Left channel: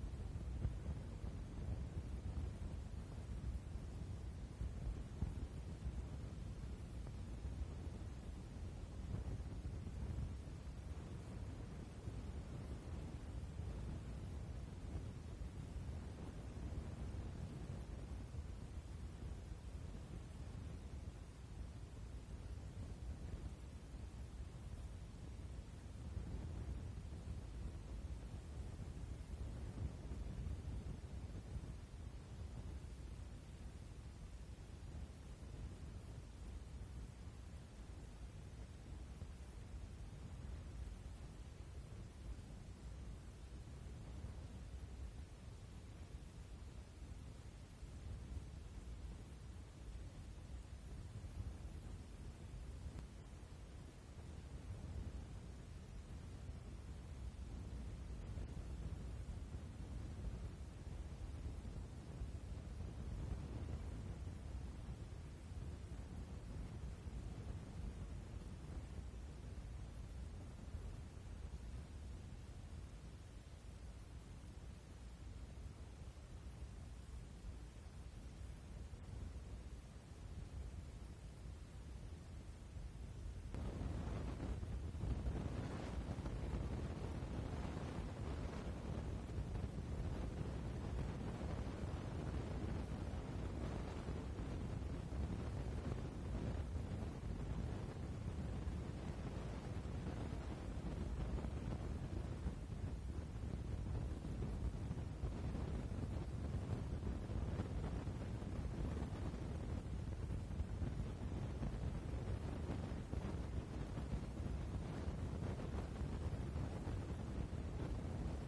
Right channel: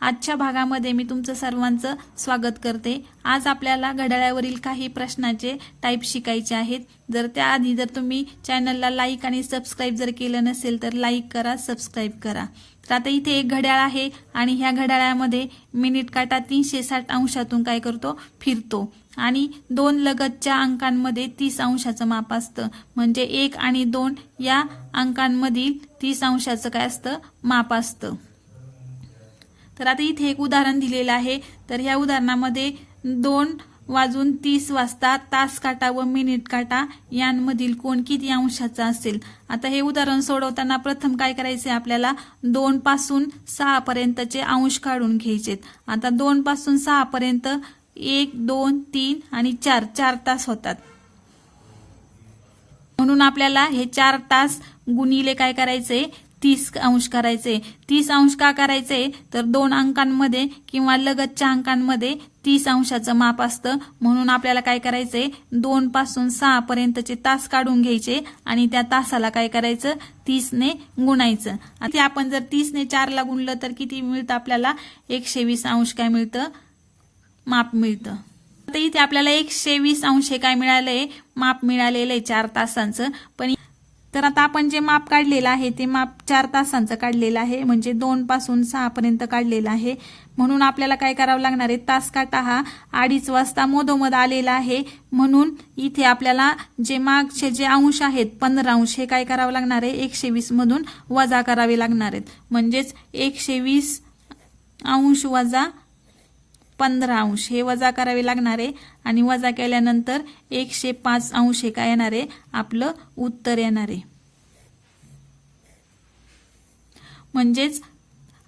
आजच्या भागामध्ये मी तुमचं सर्वांचं स्वागत करते. आज आपल्याला घड्याळावरील काही प्रश्नाचे टाईप शिकायचे आहेत. जर त्याआधी जर तुम्ही चॅनलला लाईक आणि सबस्क्राईब जर केलं नसेल तर लाईक करा सबस्क्राईब करा. तर आता इथे एक घड्याळ आहे आणि ह्या घड्याळामध्ये मिनिट काटा तीनशे साठ अंशातून काय करतो? फिरतो. आणि दोन लगतच्या अंकांमध्ये तीस अंशाचं माप असतं. म्हणजे एक आणि दोन या अंकांमधील तीस अंशाचं काय असतं? माप असतं. तर आता इथे एक उदाहरण दिलेलं आहे. तर ह्या उदाहरणामध्ये दोन वाजून तीस वाजता तास काटा व मिनिट काटा यांमधील कोण किती अंशाचा असेल? आता हे उदाहरण सोडवताना प्रथम काय करायचे आपल्याला? दोन पासून सहा पर्यंतचे अंश काढून घ्यायचेत. आता दोन पासून सहा पर्यंत एक दोन तीन आणि चार चार तास होतात. म्हणून आपल्याला हे चार तास गुणिले काय करायचे तीस अंश करायचे. तीस अंश का करायचे? तर दोन अंकांमध्ये किंवा लगतच्या अंकांमध्ये तीस अंशाचं माप असतं. म्हणून आपल्याला काय करायचंय दोन पासून सहा पर्यंतचे तास काढून घ्यायचे आणि त्या तासाला काय करायचं? तीसने गुणायचं. आता आपण जर तीसने चारला गुणलं तर किती मिळतं आपल्याला? एकशे वीस अंश काय मिळतं? माप मिळतं. आता इथे आपल्याला एकशे वीस अंश काय मिळालंय? माप मिळालेलं आहे चार तासांचं. पण तर आता आपण जे माप काढलेलं आहे ते माप चार तासांचं काढलेलं आहे म्हणजे दोन पासून काढलेलं आहे. म्हणून आपल्याला काय करावं लागणार आहे? तास काटा हा अडीच वाजता मधोमध आलेला आहे. म्हणून इथे आपल्याला जे मागचे जे अंश आहेत पंधरा अंश हे काय करावं लागणार आहे? एकशे वीसमधून वजा करावे लागणार आहेत. म्हणजेच एकशे वीस अंश वजा पंधरा अंश हे वजा करावे लागणार आहे. आणि वजा केल्यानंतर एकशे पाच अंश हे काय येणार आहे? आपलं उत्तर येणार आहे. म्हणजेच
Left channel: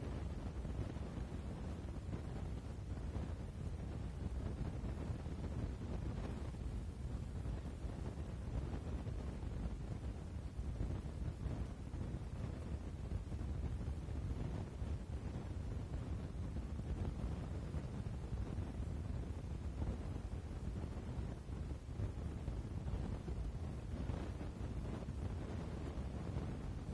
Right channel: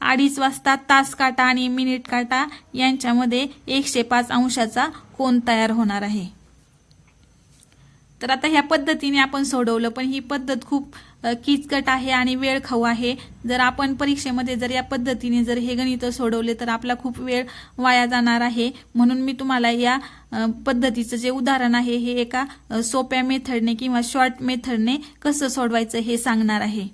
अडीच वाजता तास काटा आणि मिनिट काटा यांच्यामध्ये एकशे पाच अंशाचा कोण तयार होणार आहे? तर आता ह्या पद्धतीने आपण सोडवलं पण ही पद्धत खूप किचकट आहे आणि वेळ खाऊ आहे. जर आपण परीक्षेमध्ये जर या पद्धतीने जर हे गणित सोडवले तर आपला खूप वेळ वाया जाणार आहे. म्हणून मी तुम्हाला या पद्धतीचं जे उदाहरण आहे हे एका सोप्या मेथडने किंवा शॉर्ट मेथडने कसं सोडवायचं हे सांगणार आहे.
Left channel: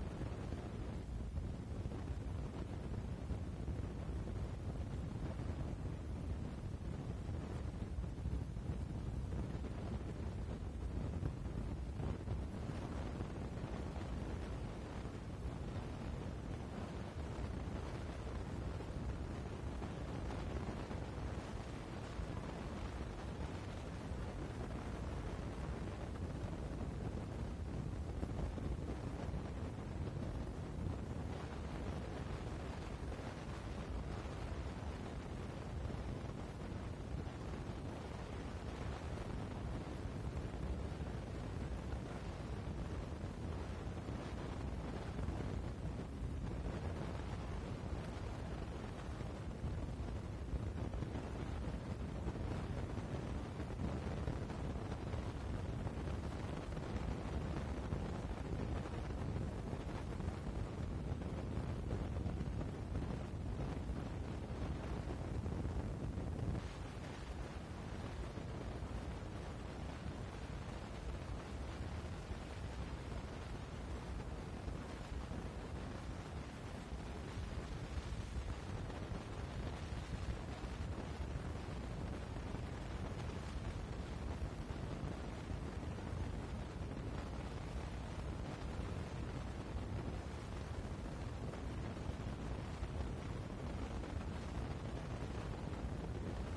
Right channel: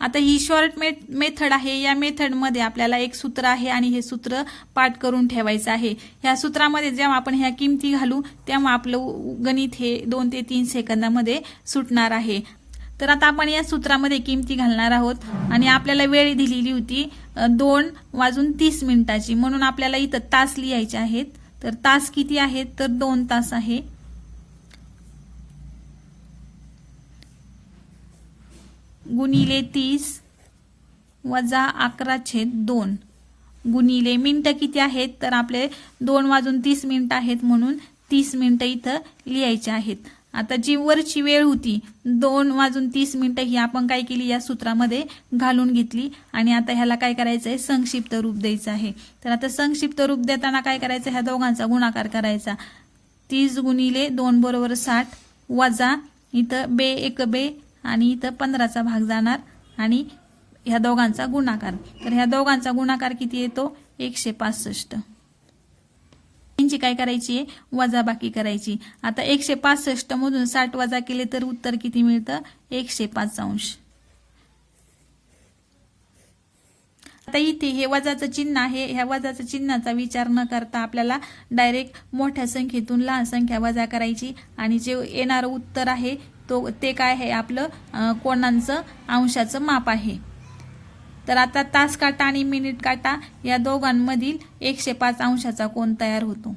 आता ही शॉर्ट मेथ मेथड आहे. या मेथडमध्ये आपल्याला एक सूत्र आहे आणि हे सूत्र पाठ करून ठेवायचं आहे. ह्या सूत्रामध्ये जेव्हा आपण ह्या किमती घालू तेव्हा आपलं गणित हे दोन ते तीन सेकंदामध्ये सुटणार आहे. तर आता आपण या सूत्रामध्ये किमती घालणार आहोत आणि आपल्याला वेळ दिलेली होती दोन वाजून तीस मिनिटाची. म्हणून आपल्याला इथं तास लिहायचे आहेत. तर तास किती आहेत? तर दोन तास आहे. गुणिले तीस वजा अकरा छेद दोन. गुणिले मिनटं किती आहेत? तर आपले दोन वाजून तीस मिनटं आहेत म्हणून तीस मिनटं इथं लिहायचे आहेत. आता जी वरची वेळ होती दोन वाजून तीस मिनटं ही आपण काय केली? या सूत्रामध्ये घालून घेतली. आणि आता ह्याला काय करायचं आहे संक्षिप्त रूप द्यायचं आहे. तर आता संक्षिप्त रूप देताना काय करायचं? ह्या दोघांचा गुणाकार करायचा. तीस गुणिले दोन बरोबर साठ वजा इथं बे एक बे आणि इथं पंधराचा भाग जाणार आणि ह्या दोघांचा गुणाकार. तर ह्या दोघांचा गुणाकार किती येतो? एकशे पासष्ट. यांची काय करायची आहे? वजाबाकी करायची. आता एकशे पासष्ट मधून साठ वजा केले तर उत्तर किती मिळतं? एकशे पाच अंश आता इथे हे वजाचं चिन्ह आहे. ह्या वजाचं चिन्हाचा विचार न करता आपल्याला डायरेक्ट मोठ्या संख्येतून लहान संख्या वजा करायची. आणि जे येणारं उत्तर आहे तो ते काय आहे आपलं कोणांचं अंशाचं माप आहे. तर आता तास काटा आणि मिनिट काटा या दोघांमधील एकशे पाच अंशाचा कोण तयार होतो.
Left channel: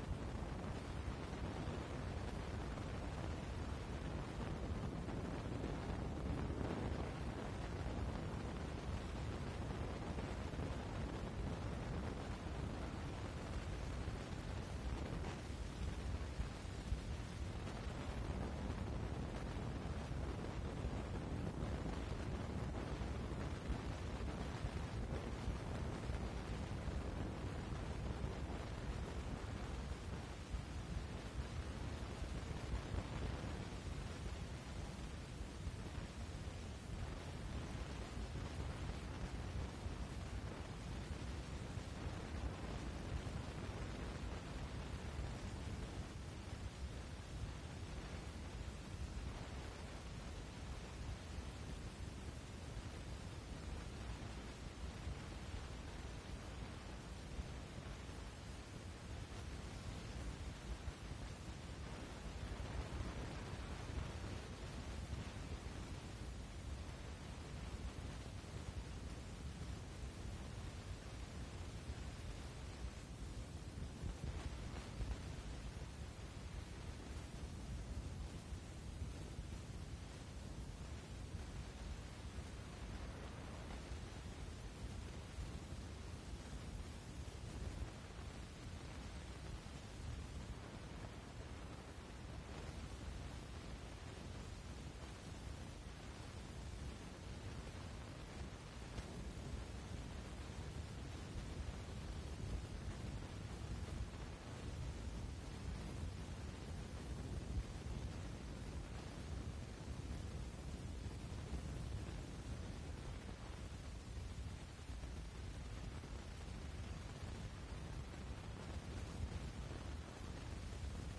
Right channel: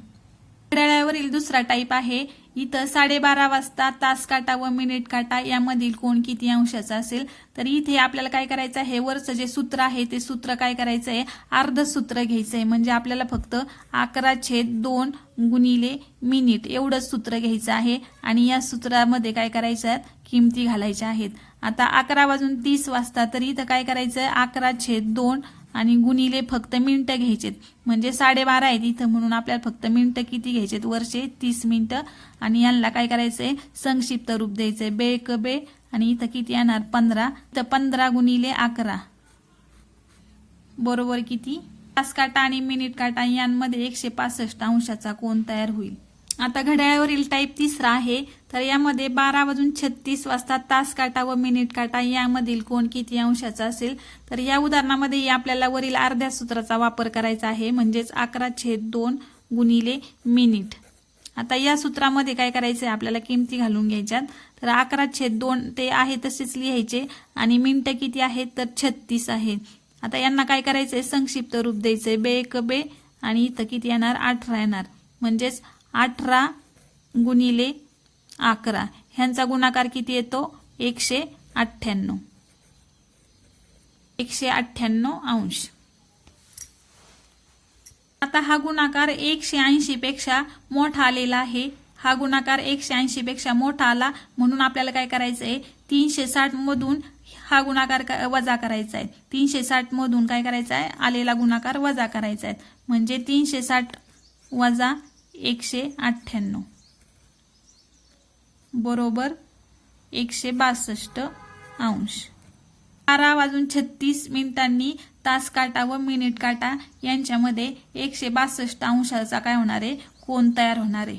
घड्याळावरील दुसरा टाईप आहे इथं साडेबारा वाजता तास काटा व मिनिट काटा यामधील कोण किती अंशाचा असेल तर इथे आपल्याला काय करायचं आहे वरचं जे सूत्र आहे ते सूत्र काय करायचं आहे अर्ध सूत्र घ्यायचं आहे. म्हणजे आपल्याला फक्त अकरा छेद दोन गुणिले मिनिट एवढंच सूत्र घ्यायचं आहे. आणि या सूत्रामध्ये काय करायचं आहे किमती घालायच्या आहेत. आता अकरा वाजून तीस वाजता तर इथं काय करायचं आहे अकरा छेद दोन आणि गुणिले फक्त मिनटं घ्यायचेत. म्हणजे साडेबारा आहेत इथं म्हणून आपल्याला फक्त मिनटं किती घ्यायचेत? वर्षे तीस मिनटं. आणि यांना काय करायचं आहे संक्षिप्त रूप द्यायचं आहे बे क बे. आणि इथं किती येणार? पंधरा. तर पंधरा गुणिले अकरा. बरोबर किती? तास काटा आणि मिनिट काटा यांमध्ये एकशे पासष्ट अंशाचा कोण तयार होईल. आता घड्याळावरील टाईप तिसरा आहे. तर यामध्ये बारा वाजून छत्तीस वाजता तास काटा व मिनिट काटा यामधील कोण किती अंशाचा असेल? तर या उदाहरणामध्ये आपल्याला वरील अर्ध्या सूत्राचा वापर करायचा आहे. म्हणजेच अकरा छेद दोन गुणिले मिनिट. आता या सूत्रामध्ये काय करायचं आहे आपल्याला किमती घालून घ्यायच्यात. तर अकरा छेद दोन ते आहे तसेच लिहायचे. आणि मिनटं किती आहेत? तर छत्तीस आहेत आता यांना काय करायचं आहे संक्षिप्त रूप द्यायचं आहे बे एक बे आणि इथं किती येणार? अठरा येणार. म्हणजेच अठरा गुणिले अकरा. ह्यांचा गुणाकार किती येतो? एकशे अठ्ठ्याण्णव. एकशे अठ्ठ्याण्णव अंश. आता हा गुणाकार एकशे ऐंशी पेक्षा मोठा आलेला आहे. हा गुणाकार एकशे ऐंशी पेक्षा मोठा आला म्हणून आपल्याला काय करायचं आहे तीनशे साठ मधून हा गुणाकार क- वजा करायचा आहे. तीनशे साठ मधून काय करायचा आहे आलेला गुणाकार वजा करायचा आहे. म्हणजे तीनशे साठ वजा एकशे अठ्ठ्याण्णव. बरोबर एकशे बासष्ट अंश. बारा वाजून छत्तीस मिनिटांनी तास काटा व मिनिट काटा यांच्यामध्ये एकशे बासष्ट अंशाचा काय होणार आहे? कोण तयार होणार आहे?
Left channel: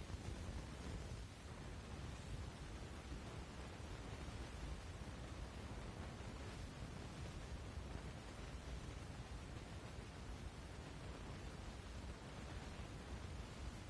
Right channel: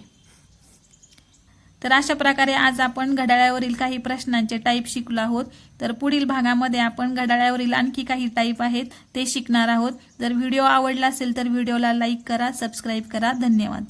तर अशा प्रकारे आज आपण घड्याळावरील काही प्रश्नांचे टाईप शिकलो आहोत. तर पुढील भागामध्ये आपण घड्याळावरील आणखी काही टाईप आहेत ते शिकणार आहोत. जर व्हिडिओ आवडला असेल तर व्हिडिओला लाईक करा सबस्क्राईब करा. धन्यवाद.